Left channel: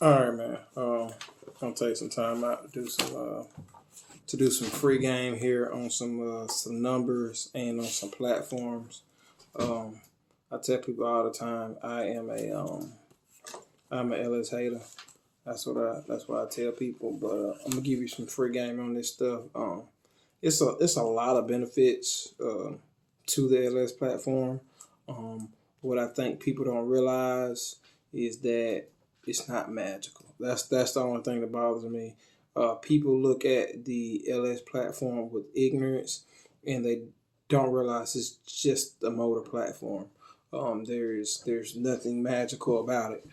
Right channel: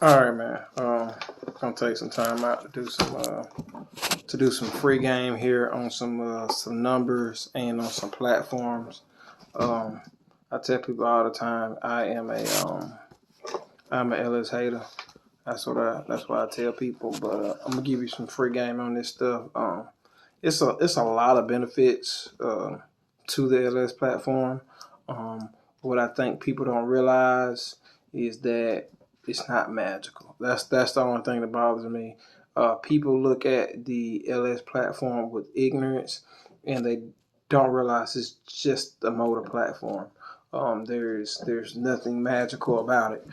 All right, man. Gonna take some time out to do some free game here on some numbers and on some platforms. Um, I tell people all the time I'm a LS hater. That's what I tell people. But I'm gonna give you some free game on this stuff. It's a lot of benefits to the LS platform. What I think people don't realize is that it's not magical. That's the only thing that bothers me. People look at the LS platform with ignorance, and they don't realize it's just a motor platform. There's nothing magical about it.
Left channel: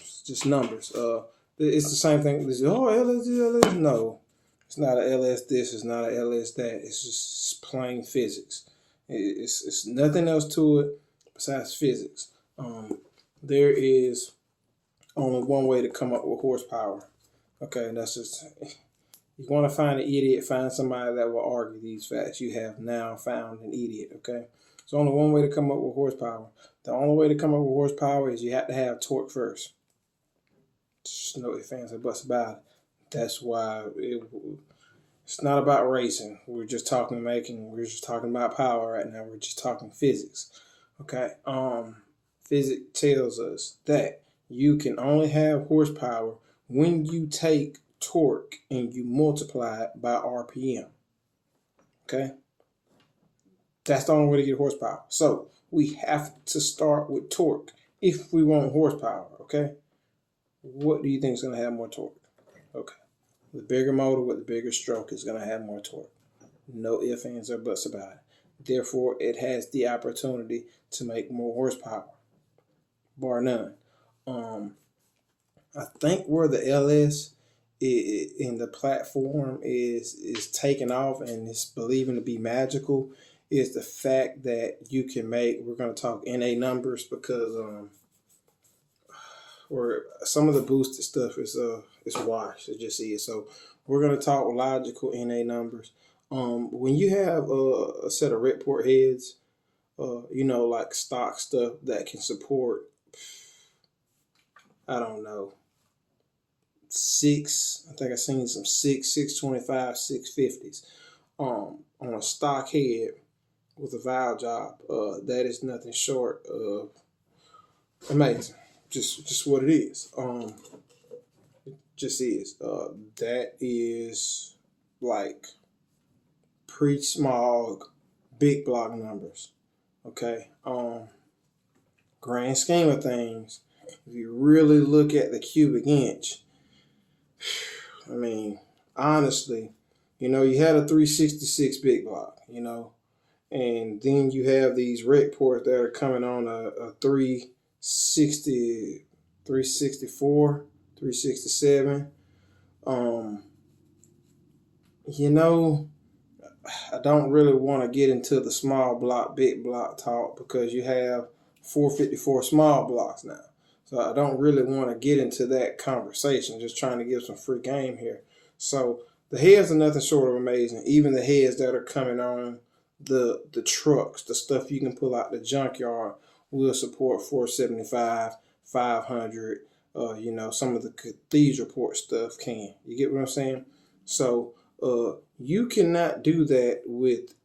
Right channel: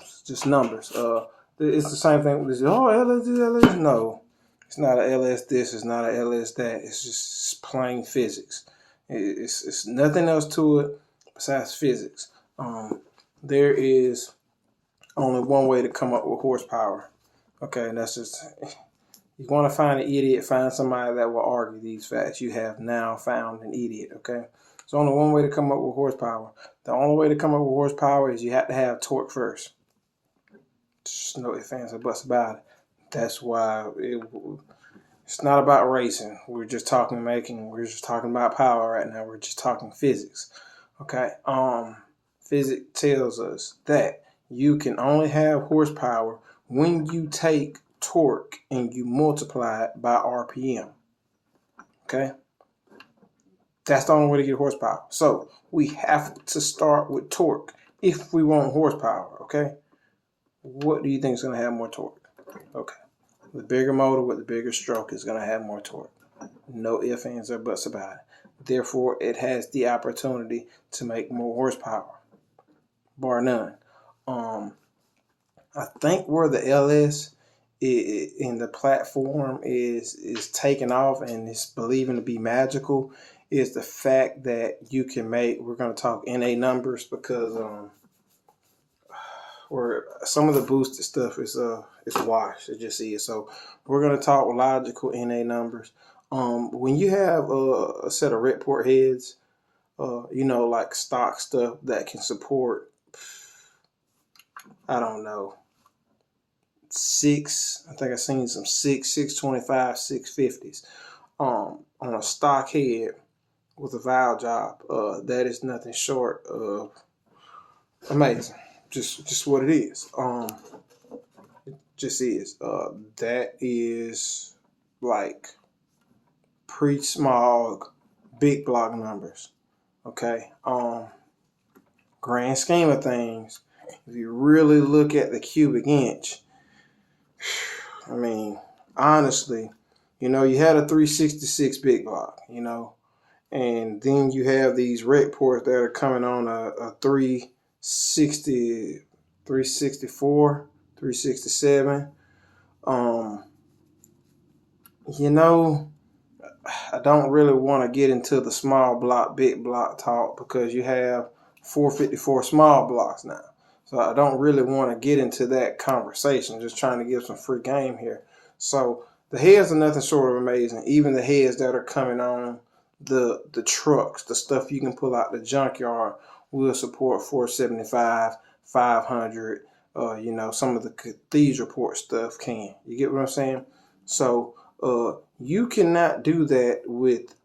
It's just numbers. It's the same thing with this. Oh, LS, LS. No, it's not a LS this. It's not a LS that. It's just plain physics. It's nothing else to it besides physics. There is only one way to come up with horsepower. Okay, and that's just, you want to find an idiot, find somebody that will argue these facts. You have now found an idiot. Okay, there's only one way to come up with horsepower. The only way to come up with horsepower is you have to have torque first. Just no ifs, ands, or buts about it. That's why it's not about racing. We're just talking making. We're just talking about power right now. We're just talking physics. Okay. Physics tells us that you can only have horsepower when you take torque and you multiply it by RPM. Okay. That's the only way to get horsepower. So we have to start with torque if we want horsepower. Okay. What do you think is going to have more torque? Okay. The bigger motor with the bigger stroke is going to have more torque. No ifs, ands, or buts about it. Therefore, it has the opportunity to make more horsepower, bar none. I think where the LS in the platform is taking off and is believing to be magical is the fact that you can make. We're going to talk NA numbers because where some of the boosted stuff is washed. It just is. So we're going to talk logical NA numbers. When you have a set of red port heads, like stock stuff that can support, I don't know, I think I've seen some 625, 650s on a stock head with a valve job. That is nothing short of amazing. Just what it is. It just is. That is like pre-smog, big block numbers. Okay. Grand scheme of things, if you really look at the cubic inch, I mean, honestly, you had a 366 big block, and then you have these rec ports that are coming on a 360, 364, 367. I don't really want to get into the small block, big block talk because you have 454 small blocks now. So I don't really want to get into that conversation. Just trying to give some free game here. So the heads are nothing short of amazing. Even the heads that are coming on the trucks, the stuff you can pull out the junkyard, will support 475, 500. Some of the cathedral port stuff can. You get what I'm saying? So you cannot do that with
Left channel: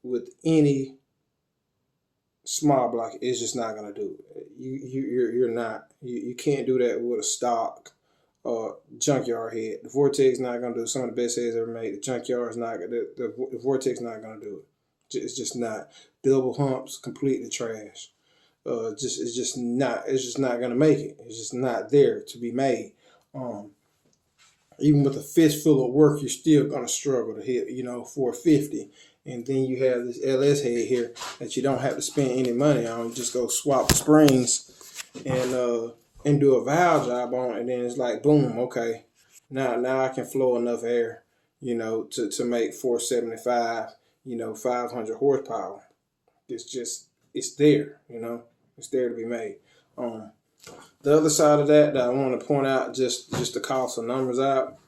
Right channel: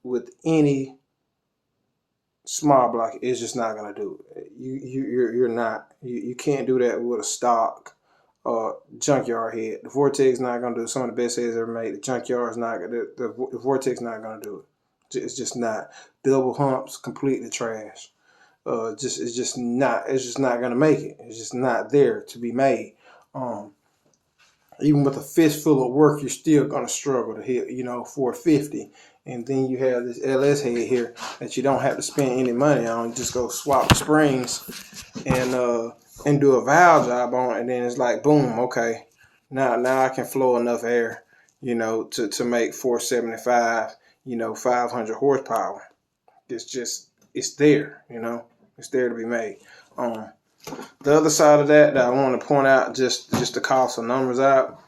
any small block. It's just not gonna do it. You're not. You can't do that with a stock junkyard head. The Vortex not gonna do it. Some of the best heads ever made. The junkyard is not gonna. The Vortex not gonna do it. It's just not. Double humps, completely trash. It's just not. It's just not gonna make it. It's just not there to be made. Even with a fistful of work, you're still gonna struggle to hit, 450. And then you have this LS head here that you don't have to spend any money on. You just go swap the springs and do a valve job on it, and then it's like boom, okay. Now I can flow enough air, to make 475, 500 horsepower. It's there, it's there to be made. The other side of that I want to point out, just to call some numbers out,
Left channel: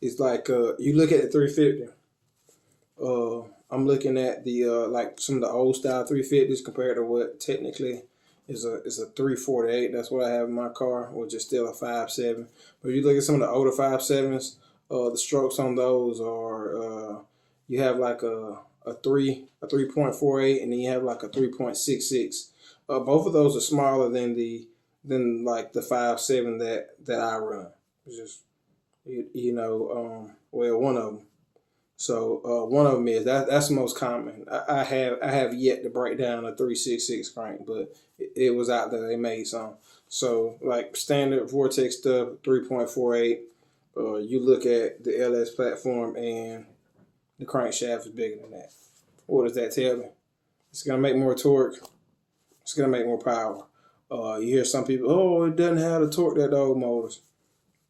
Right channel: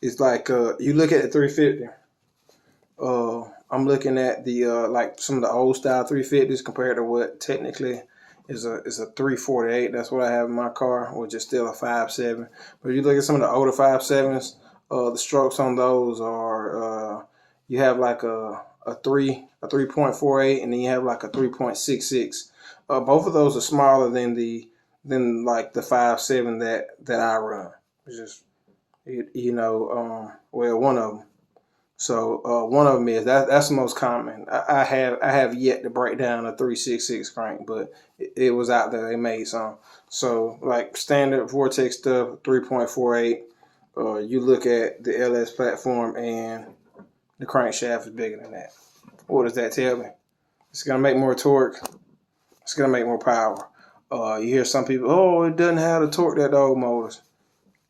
is like you look at the 350. I'm looking at the like some of the old style 350s compared to what technically is a 348. That's what I have in my car, which is still a 5.7. But if you look at some of the older 5.7s, the strokes on those are you have like a 3.48, and then you have like a 3.66. Both of those are smaller than like the 5.7 that I run. It's just well, one of them. So one of them is that's the most common. I have yet to break down a 366 crank, but it was out there. They made some. So like standard Vortex stuff, 3.48. You look at the LS platform and the crankshaft is bigger than that. What does that tell me? It's gonna make more torque. It's gonna make more power. You hear some people, oh, it doesn't have the torque that the old motors.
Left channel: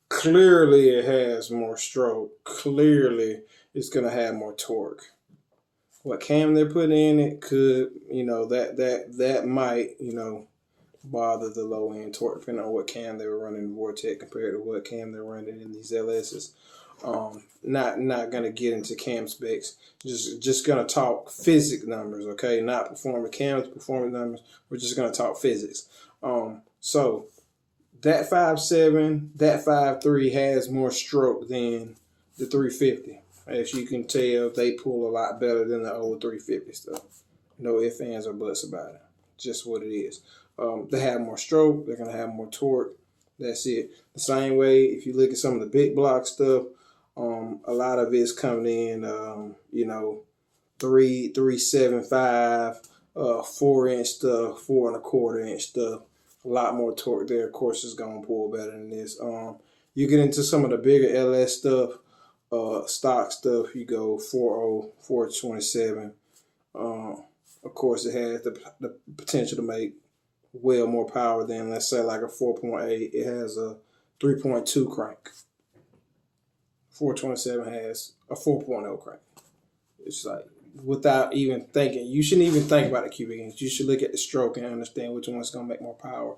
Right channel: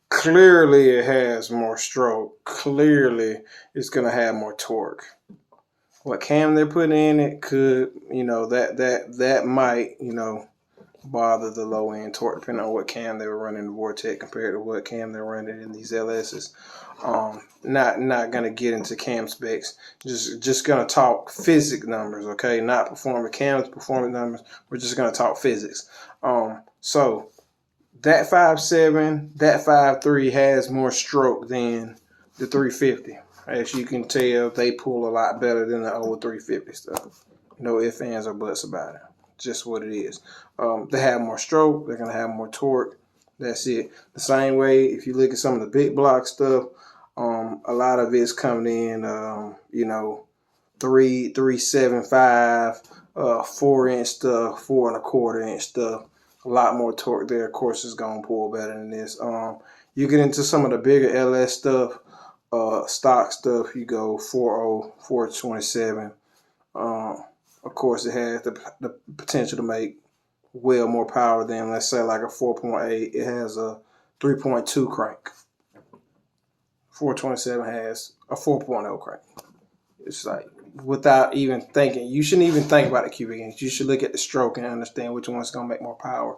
Clearly it has more stroke. Clearly it's going to have more torque. What cam they're putting in it could, that might, bother the low end torque depending on what cam they were running in Vortex compared to what cam they're running in these LSs. Not going to get into cam specs. Just going to talk physics numbers, okay? Not performance cams, performance numbers. We're just going to talk physics. So that 5.7, that 5.3 has more stroke than the 350. As you can tell, they pull a lot better than the old 350 stuff. No ifs, ands, or buts about it. Just what it is. They have more stroke. They're going to have more torque. That's it. The same way, if you look at some of the big block stuff, a lot of it's coming in, 3.75, 4-inch stuff, 4.25-inch stuff. A lot more torque there. Of course, it's going to pull better than this. You get into some of the bigger LS stuff, stock stuff, you go 4.0, 4.27. Of course, it has the potential to make well more power than, let's say, like a 4.8. It has a 3.2 crank. 427 has a 4.0 crank. It's like, without even thinking, you shouldn't even think about the cubic inch. You should look at the stroke and understand which one's going to make more power.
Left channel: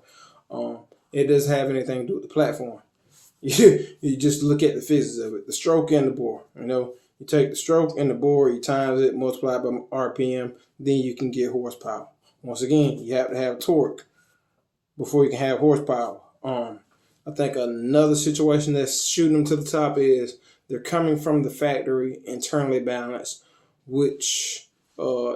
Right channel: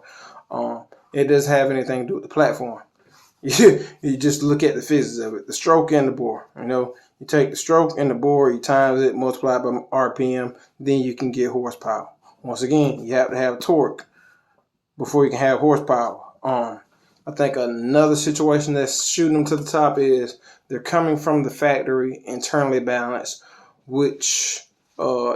It doesn't have anything to do with the platform. You just look at the physics of it, the stroke and the bore. You take the stroke and the bore, you times it, multiply by RPM, then you can get horsepower. Once again, you have to have torque before you can have horsepower. I think another situation that's shooting them to the top is they're coming from the factory internally balanced, which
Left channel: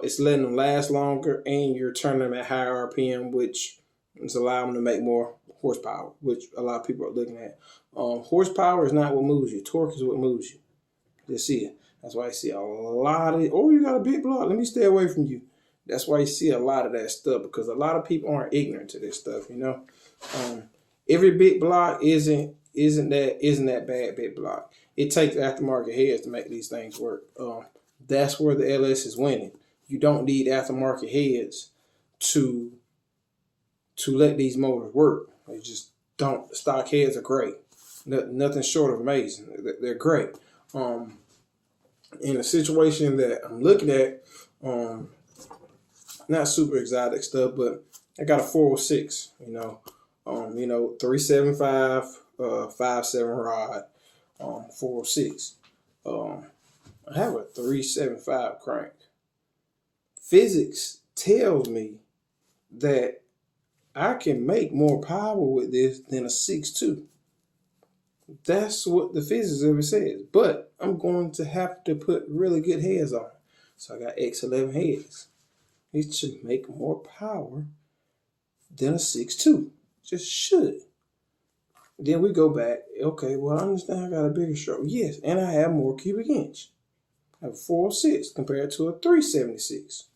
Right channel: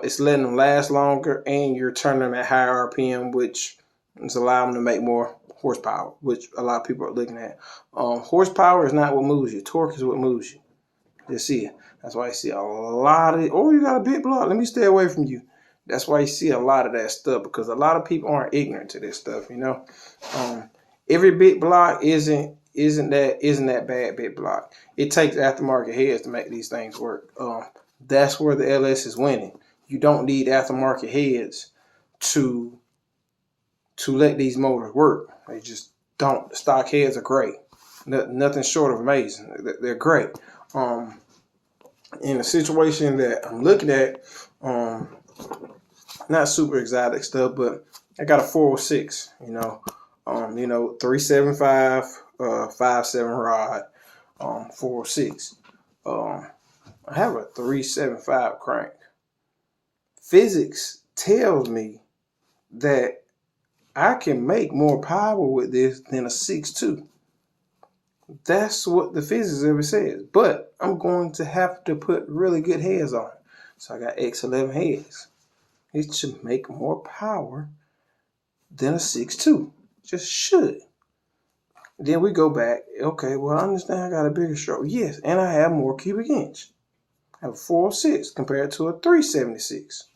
is letting them last longer, and you're turning them at higher RPM, which is allowing them to make more horsepower, which a lot of people are looking at. Horsepower is not what moves you. Torque is what moves you. You see it. That's why you see a lot of, oh, you got a big block, let me stay away from you. That's why you see a lot of that stuff, because a lot of people aren't ignorant to this stuff, Every big block isn't that bad big block. It takes aftermarket heads to make these things work. That's where the LS is winning. You don't need aftermarket heads to let these motors work. They just don't. Stock heads are great. Nothing short of amazing. They're great. In the situation that I'm looking at, not super exotic stuff, but I got a 406, 375, 5.7 rod, 406. I have a 375 crank. Physics tells me that I can make more power with this than a 6.2. That's what the physics of it says. But I'm going to have to put really good heads on it. So I got X11 heads. It should make more power than a 6.2. Just should. Then we go back. Okay, well, I understand I got a bigger stroke. Yes, and I have more cubic inch. I have a 406 compared to a 376.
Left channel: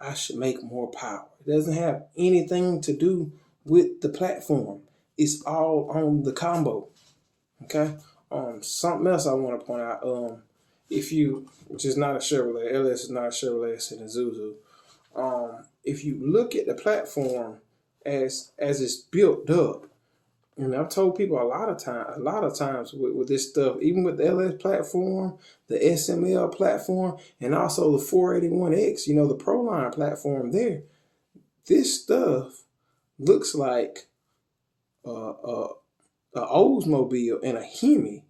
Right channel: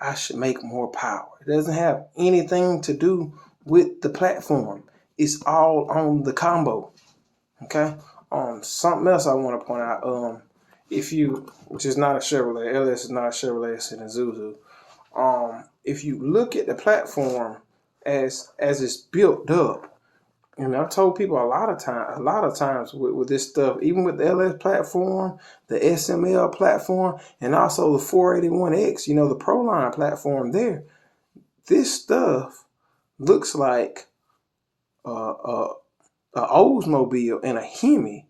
I should make more power. It doesn't have anything to do with the platform. It's all on the combo. Okay? Something else I want to point out. Which is not a Chevrolet, LS is not a Chevrolet, it's an Isuzu. If you look at the platform as it's built up, I've told people a lot of times with this stuff, even with the LS platform, the SML platform, and also the 481X, the Proline platform there, this stuff looks like a Oldsmobile and a Hemi.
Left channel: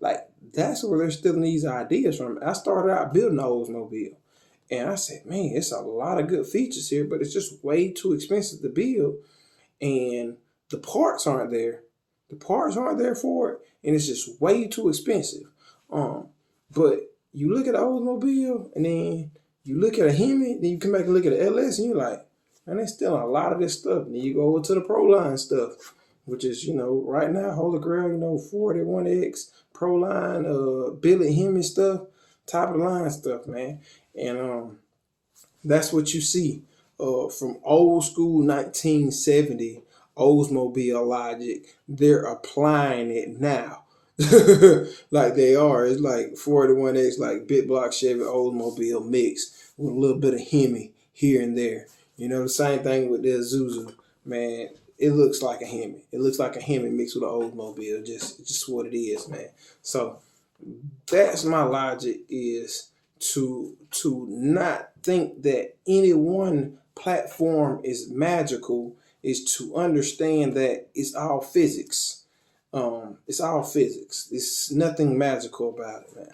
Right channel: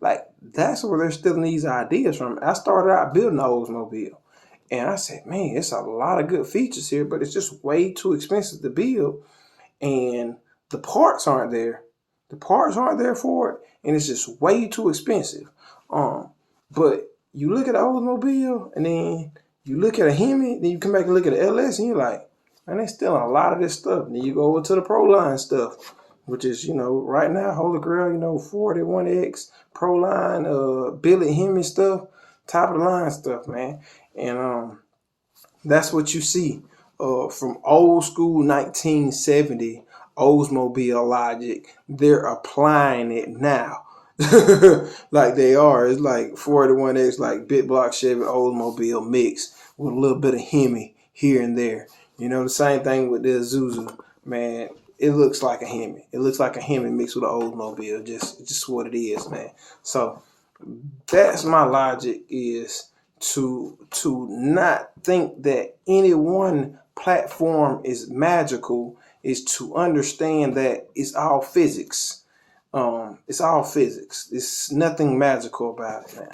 Like, that's where they're stealing these ideas from. I started out building an Oldsmobile, And I said, man, it's a lot of good features here, but it's just way too expensive to build. And the parts aren't there. The parts aren't there for it, and it's just way too expensive. But you look at the Oldsmobile, and then you look at a Hemi, then you come back and look at the LS, and you're like, man, there's still a lot of this stuff. And then you go over to the Proline stuff, which is, right now, Holy Grail, 41X, Proline, Billy Hemi stuff, top of the line stuff, man. And that's what you see from old school 1970 Oldsmobile logic. They're applying it now. Like they are. It's like 41X, like Big Block Chevy Oldsmobile mix with a little bit of Hemi here and there. The same thing with the Isuzu, man. It looks like a Hemi. It looks like a Hemi mixed with an Oldsmobile. Just what it is, man. So that's my logic, is to not think that any one platform is magical, is to understand that it's all physics. It's all physics. There's nothing magical about it, man.